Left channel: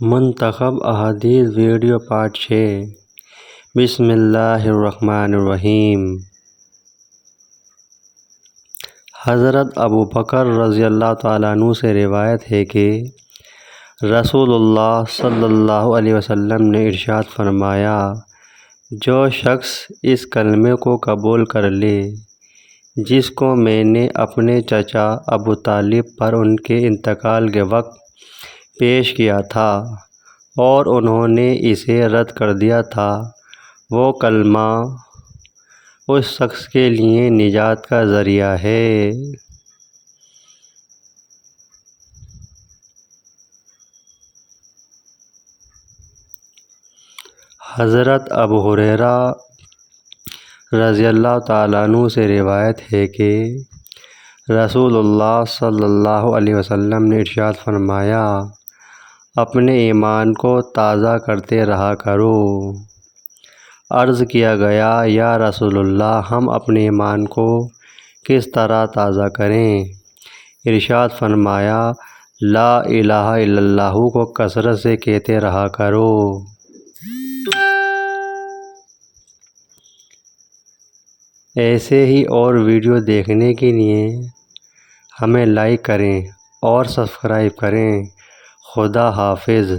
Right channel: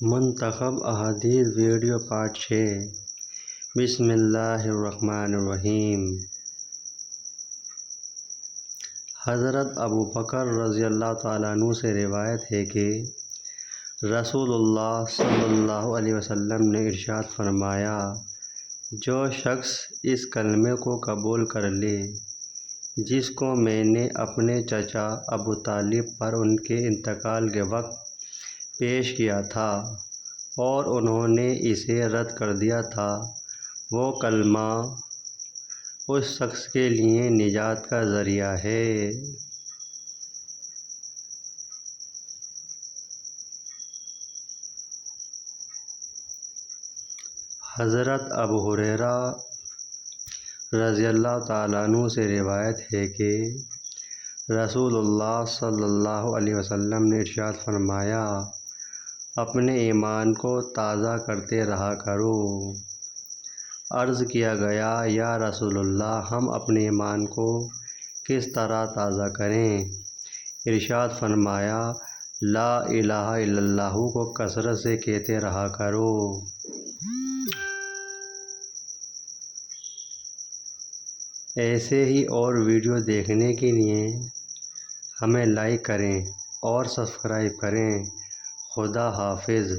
منتخب احادیث video part 6۔ بسم اللہ الرحمن الرحیم۔ حضرت ابوبکر رضی اللہ تعالیٰ عنہ سے روایت ہے کہ رسول اللہ صلی اللہ علیہ وسلم نے ارشاد فرمایا، جو شخص اس کلمے کو قبول کر لے جس کو میں نے اپنے چچا ابو طالب پر ان کے انتقال کے وقت پیش کیا تھا اور انہوں نے اسے رد کر دیا تھا، وہ کلمہ اس شخص کے لیے نجات کا ذریعہ ہے۔ حضرت ابو ہریرہ رضی اللہ تعالیٰ عنہ سے روایت ہے کہ رسول اللہ صلی اللہ علیہ وسلم نے ارشاد فرمایا، اپنے ایمان کو تازہ کرتے رہا کرو۔ عرض کیا گیا، یا رسول اللہ، ہم اپنے ایمان کو کس طرح تازہ کریں؟ ارشاد فرمایا، لا الہ الا اللہ کو کثرت سے کہتے رہا کرو۔ ایسے ہی اور ویڈیو دیکھنے کے لیے ہمیں لائک کریں اور سبسکرائب کریں۔ خدا حافظ۔